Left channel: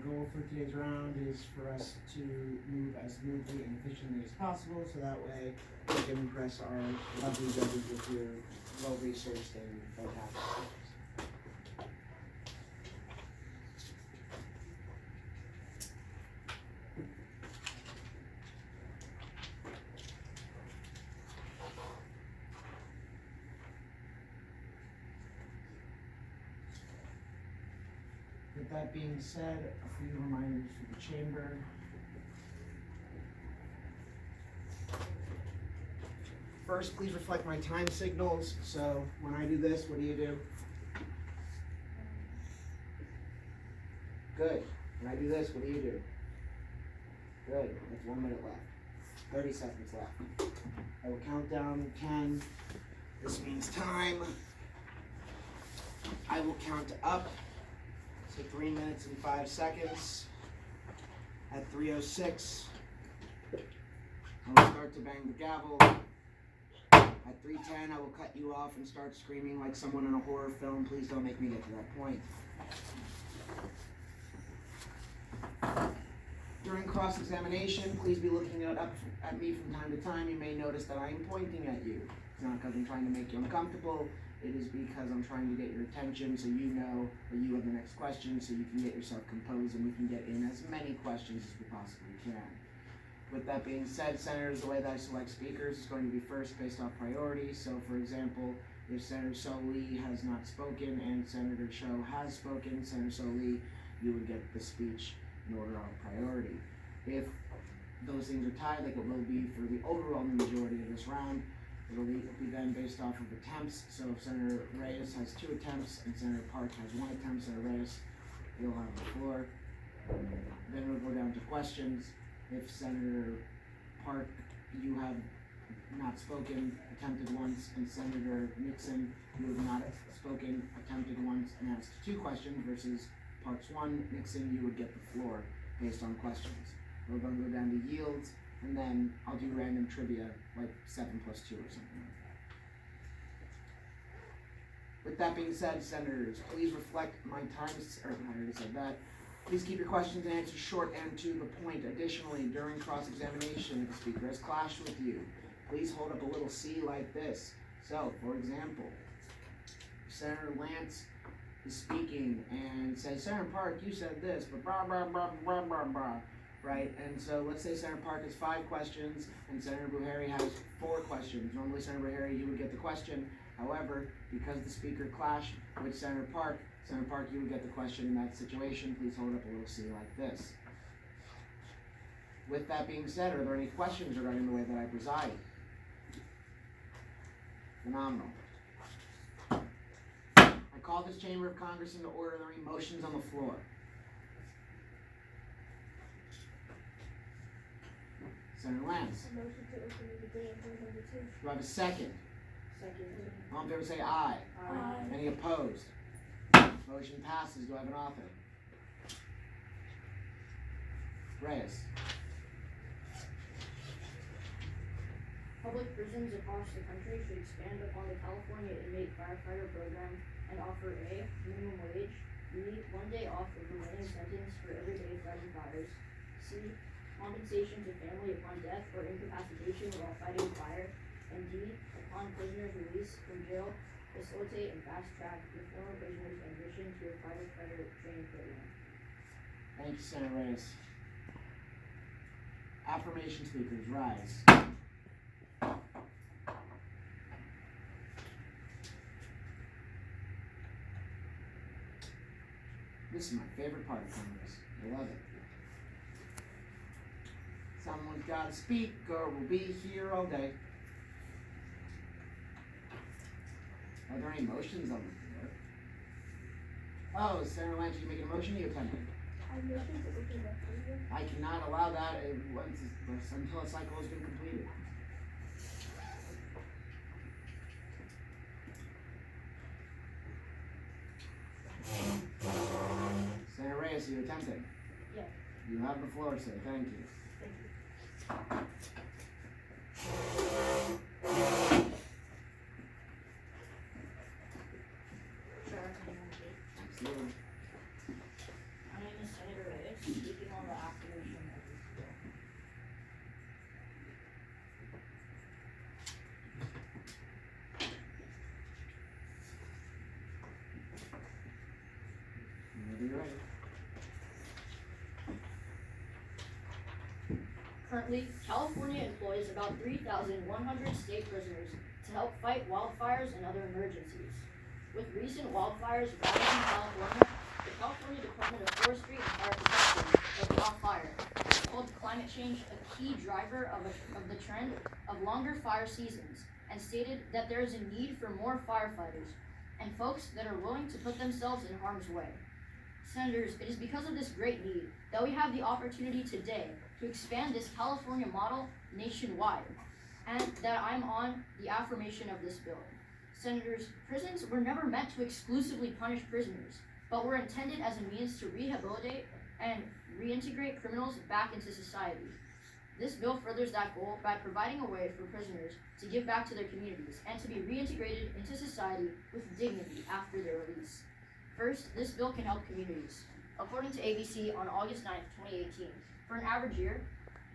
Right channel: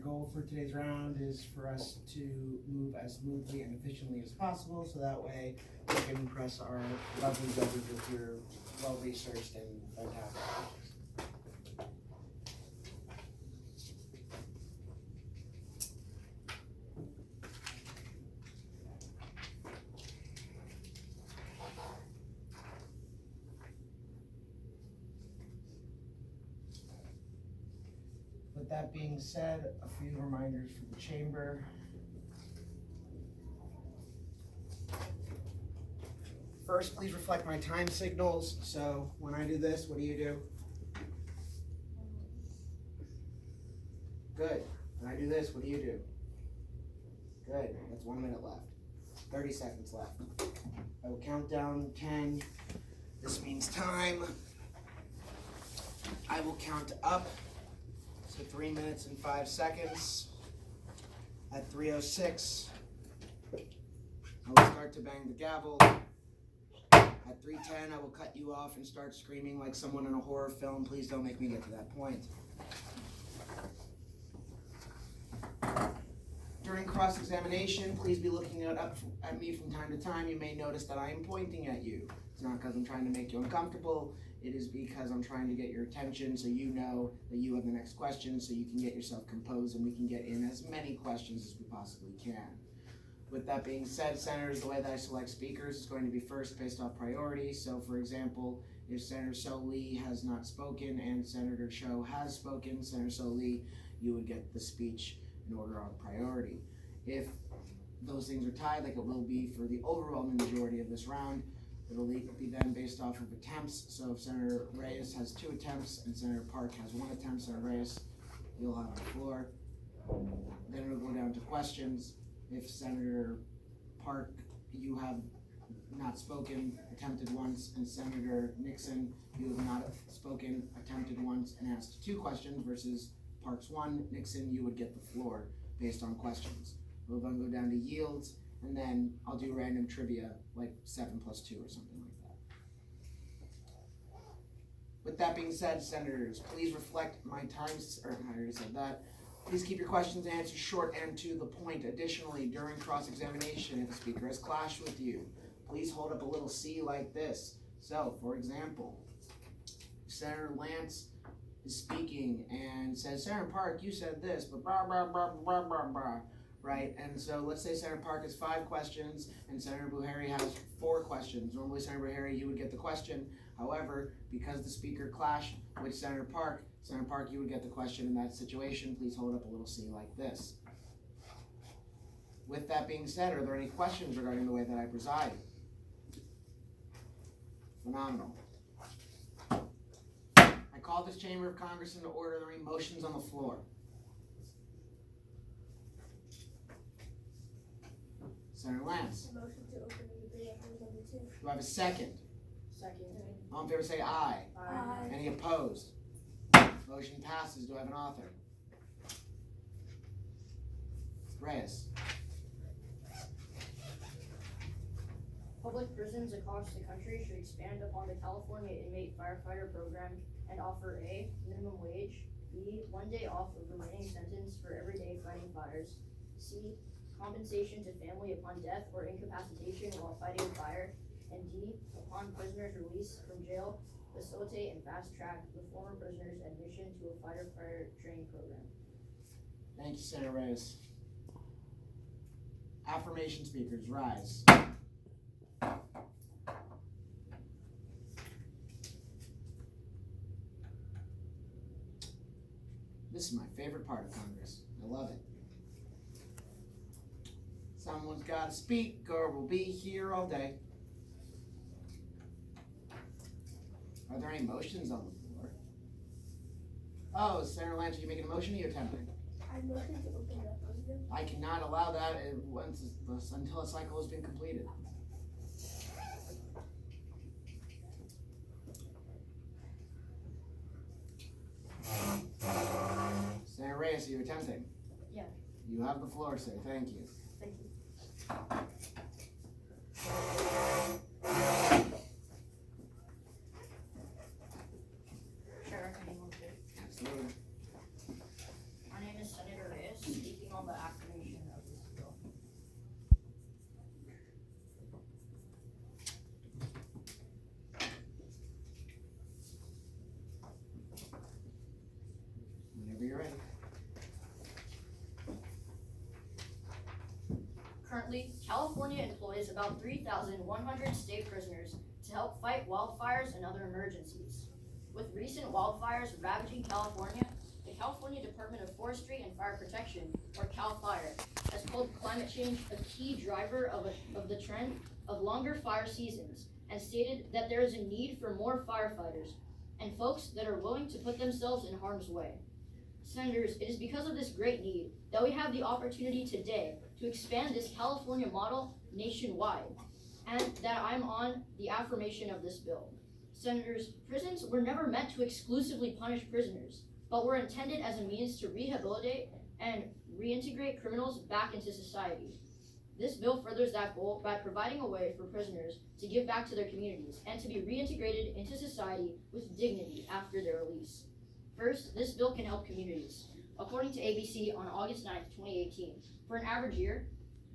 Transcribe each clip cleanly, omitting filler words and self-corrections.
goal for today's round is for us to move as smoothly and efficiently as possible, so that way we can impress our lovely judges with your well-researched and fantastic questions. With that being said, a few reminders for the chamber. First, please reflect my time signals. So when I do this, what do? Good. When I do this, what do? Good. That's 1 minute left. 30 seconds left. I will count down 10. This means time. I will count up. So 3 minutes and 5 seconds. At 3:06, I will start to bang the gavel. At 3:10, I will cut you off and start screaming like someone in a horror film. Please don't make me get to that point. During cross-examination, please be looking up at me from time to time. You may notice that I am pointing at you. It's not because I'm trying to make you uncomfortable. It is because I'm trying to get your attention so you know that you have the next question, so you can get yourself composed and we can get in as many questions as we possibly can. With that being said, senators, the way that I select speakers is going to be first based off priority. So, for example, if Senator So-Lee has not spoken and Senator Cho has spoken, Senator So-Lee, you would get the speech in order of priority. If those things are tied, like it will be for the overwhelming majority of this round, it'll be then based off of attempts. So if Senator Reyes has 2 attempts and Senator Park has 1 attempt, Senator Reyes, you'll have the floor. Then it'll go down to questions. If Senator Park, you have not spoken, attempted once, and Senator Nixon, you have not spoken, attempted once, and asked 2 questions versus Park's 1, Nixon, you would get the floor based on questions. We're going to go down to yields, and then I'll do random trivia, like 7 plus 2 or something like that. With that being said, senators, please reflect my times, or I already said that. Please keep your questions and answers short and to the point. Additionally, during cross-examination, if a speaker has clashed with you, please hold up a little C like this. So, for example, Senator Lance is speaking and says, Senator Park, you said this, but blah, blah, blah, blah, blah, blah. Right, and so let's say Senator Park has 5 questions and Senator Buhari has 4 questions. Normally, Senator Buhari, you would get the question. However, because the speaker clashed with Senator Park, you would get the question in that situation. Please hold up a little C like this. With that being said, are there any questions regarding the way that I preside? Phenomenal. I call this chamber of Congress into order. Are there any motions on the floor? Senator Lance. A motion to open the debate on number 2. Do I have a second? Second. All in favor say aye. Aye. Any opposed? Motion passes. Do I have an author? Reyes. Public prisons across the country should expand upon the California Inmate Firefighter program and offer A, minimum wage, B, 1 day off of remaining sentence for every day fighting fires, C, compensation to family upon death or incapacitation while fighting a fire, and D, upon prisoner's release from jail, facilitate and fast-track the former prisoner's admission to a firefighter training program. Thank you, Senator Reyes. Affirmation speakers, rise. This is my favorite part of Congress. I love it. Someone's got to speak or we'll be here all day. Are there any motions on the floor? Oh, Senator Lance, are you making a motion or are you attempting? I'm motion to open the debate. I cannot allow that until a cycle has been completed. Senator Reyes, are you attempting? Yeah. You have the floor, sir. Thank you. Thank you. Absolutely. My name is Senator Reyes. Currently, California employs about 3,100 state prisoners to help fight wildfires and other emergencies. With recent wildfires ravaging California, the California Department of Forestry and Fire Protection, or CAL FIRE, has called climate change a key driver of the trend of longer fire seasons and stated that there is a need for more firefighters and folks that are willing to put themselves in harm's way. Senators, it is because of this great need that we have the opportunity today to expand this California model nationwide, and that I'm on the affirmation of this bill. Senators, prisons were never meant to exclusively punish prisoners, but were intended as a means to rehabilitate and reintegrate criminals back into society. This bill furthers that goal by providing a way for prisoners to give back to their communities and to be reintegrated into society with dignity after their release. First, this bill can help communities. According to ABC on August 9, 2018, for an average year,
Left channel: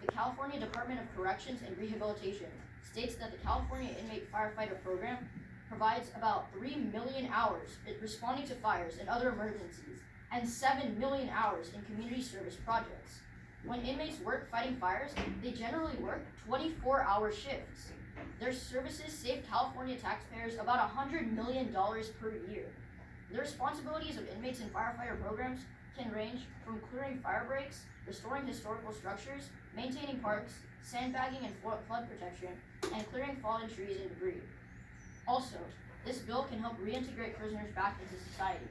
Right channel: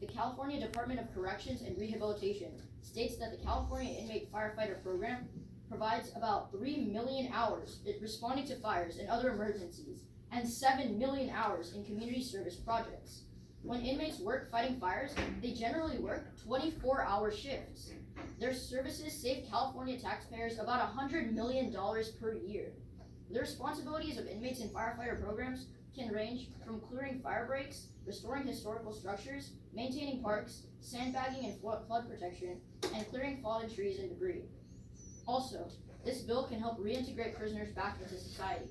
the California Department of Corrections and Rehabilitation states that the California Inmate Firefighter program provides about 3 million hours responding to fires and other emergencies, and 7 million hours in community service projects. When inmates work fighting fires, they generally work 24-hour shifts. Their services save California taxpayers about $100 million per year. The responsibilities of inmates in firefighter programs can range from clearing fire breaks, restoring historical structures, maintaining parks, sandbagging and flood protection, and clearing fallen trees and debris. Also, this bill can help reintegrate prisoners back into society.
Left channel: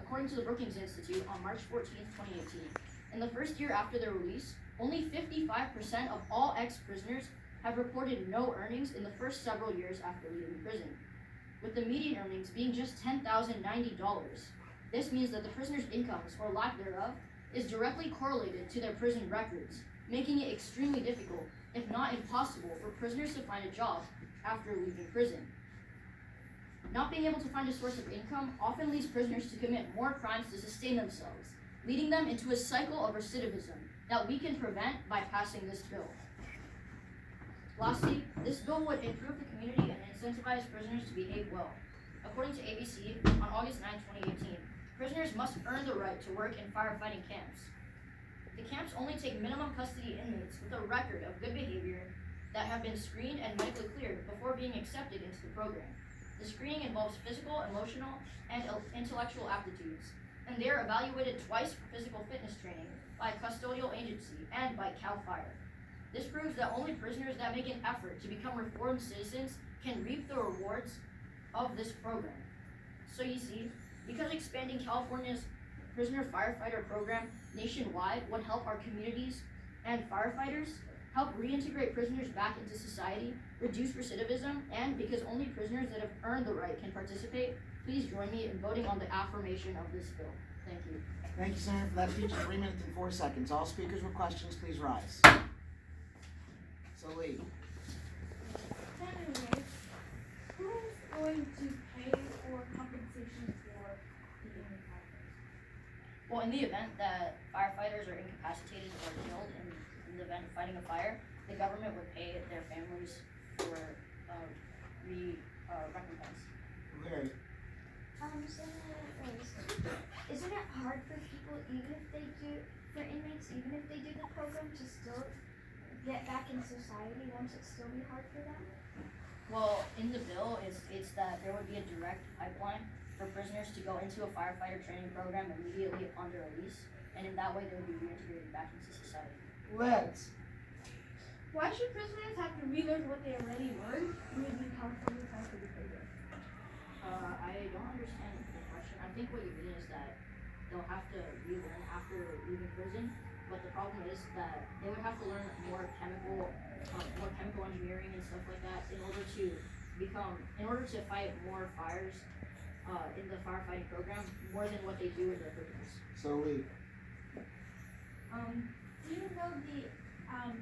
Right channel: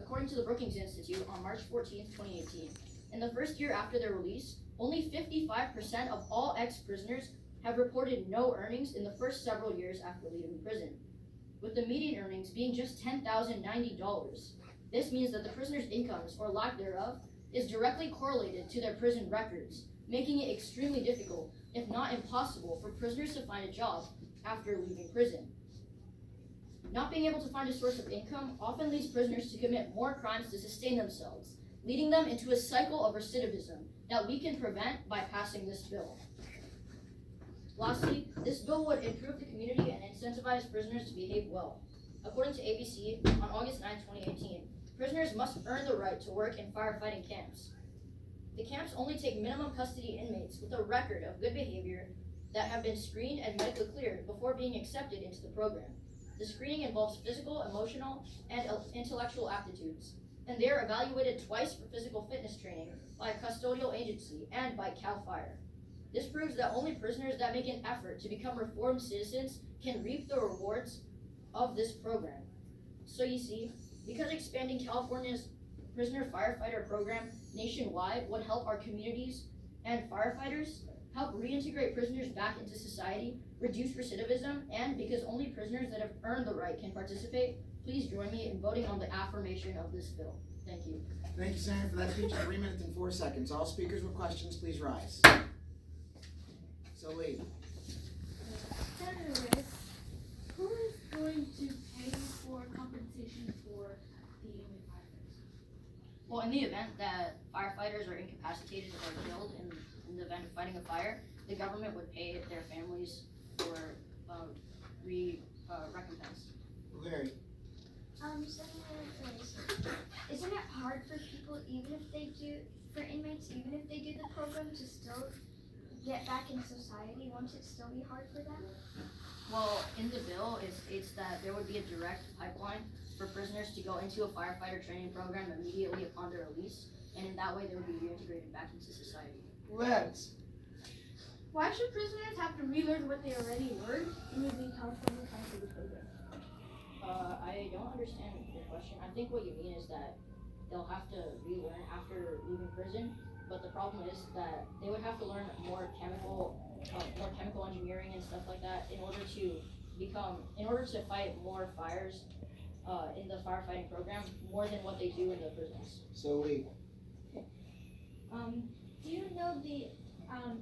According to the Brookings Institute on March 14, 2018, in the first year after their release, only 55% of all ex-prisoners have reported no earnings in the first several years after leaving prison, with the median earnings being just $10,090. This means that the prisoner's incomes, or lack thereof, is directly correlated to their prison records, making it extremely difficult, if not impossible, for prisoners to find a job after leaving prison. Not being able to find a source of income often leads prisoners to commit more crimes to sustain themselves, leading them into a cycle of recidivism that we can prevent by passing this bill. Lastly, this bill would improve the community and incentivize prisoners to behave well. According to ABC, on August 9, 2018, prisoners must earn the right to work in firefighting camps. The camps only take minimum custody inmates with a record of good behavior that have been screened and medically cleared before being accepted into the program. The screening involves physical, emotional, and intellectual aptitudes, and they are evaluated twice for physical fitness training by a custodial agency and by CAL FIRE. This proves that only prisoners that make an effort to become reformed citizens can reap the rewards of this program. So you see, because expanding California's prisoner firefighter program nationwide would help our communities and firefighters, help reintegrate prisoners back into society, reduce recidivism, and because only prisoners that have earned the right can participate, please join me in voting on the affirmation of this bill. Thank you. Thank you, Senator, for that speech. 3 minutes and 4 seconds. All speakers with questions, please rise. So Lee. Senators, who is going to pay for compensation for the inmate firefighters? Well, in the event that firefighters are incapacitated or killed in the event of fighting a fire, the government would pay their families for recompense. Larry. Senator, isn't it hard for people, for inmates, even if they do the program, to still get back in society? Won't it still be hard for them? Well, in the bill, it states that there would be a direct pipeline for prisoners to go into a firefighter training program immediately upon their release, and in that way they would be reintegrated back into society. Lex. Why should prisoners have to relearn what they already learned through the California Firefighter program? I don't understand the question. I think what you mean is that they'll have to relearn after leaving prison, but the problem is that they would have to learn more chemical engineering and stuff like that in order to fight more fires in the firefighting program, more than what they do in the prisons. So Lee. Do you know the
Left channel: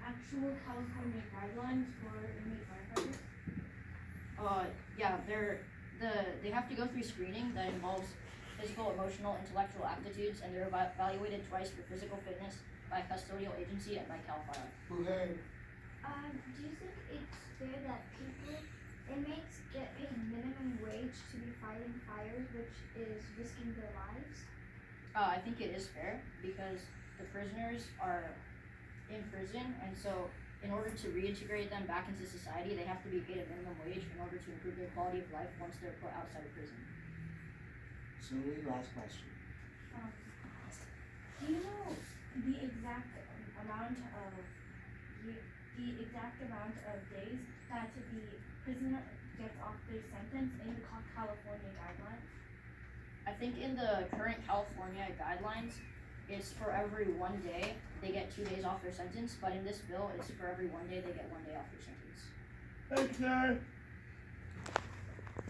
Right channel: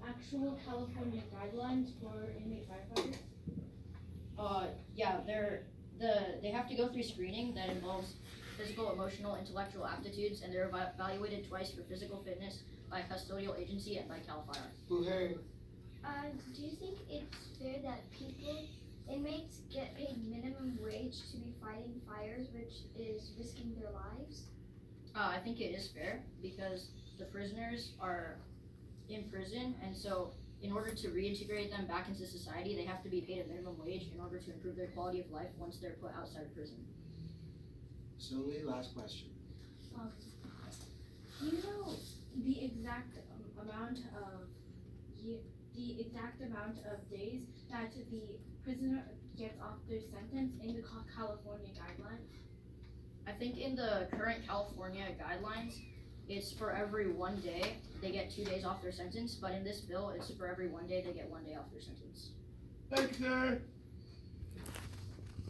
actual California guidelines for inmate firefighters? Yeah, they have to go through screening that involves physical, emotional, intellectual aptitudes, and they're evaluated twice for physical fitness by a custodial agency and by CAL FIRE. Larry. Do you think it's fair that inmates get paid minimum wage to be fighting fires, which is risking their lives? I think it is fair because the prisoners are in prison, and so in order to reintegrate them back into society, they have to be paid a minimum wage in order to improve their quality of life once they're put outside of prison. Slowly, last question. Do you know the exact amount of days that the prisoner gets off their sentence in the California guidelines? I think in the current California guidelines, it's for every 1 day they get 2 days off their sentence, but in this bill, it's for every 1 day they get 1 day off their sentence. Thanks, sir.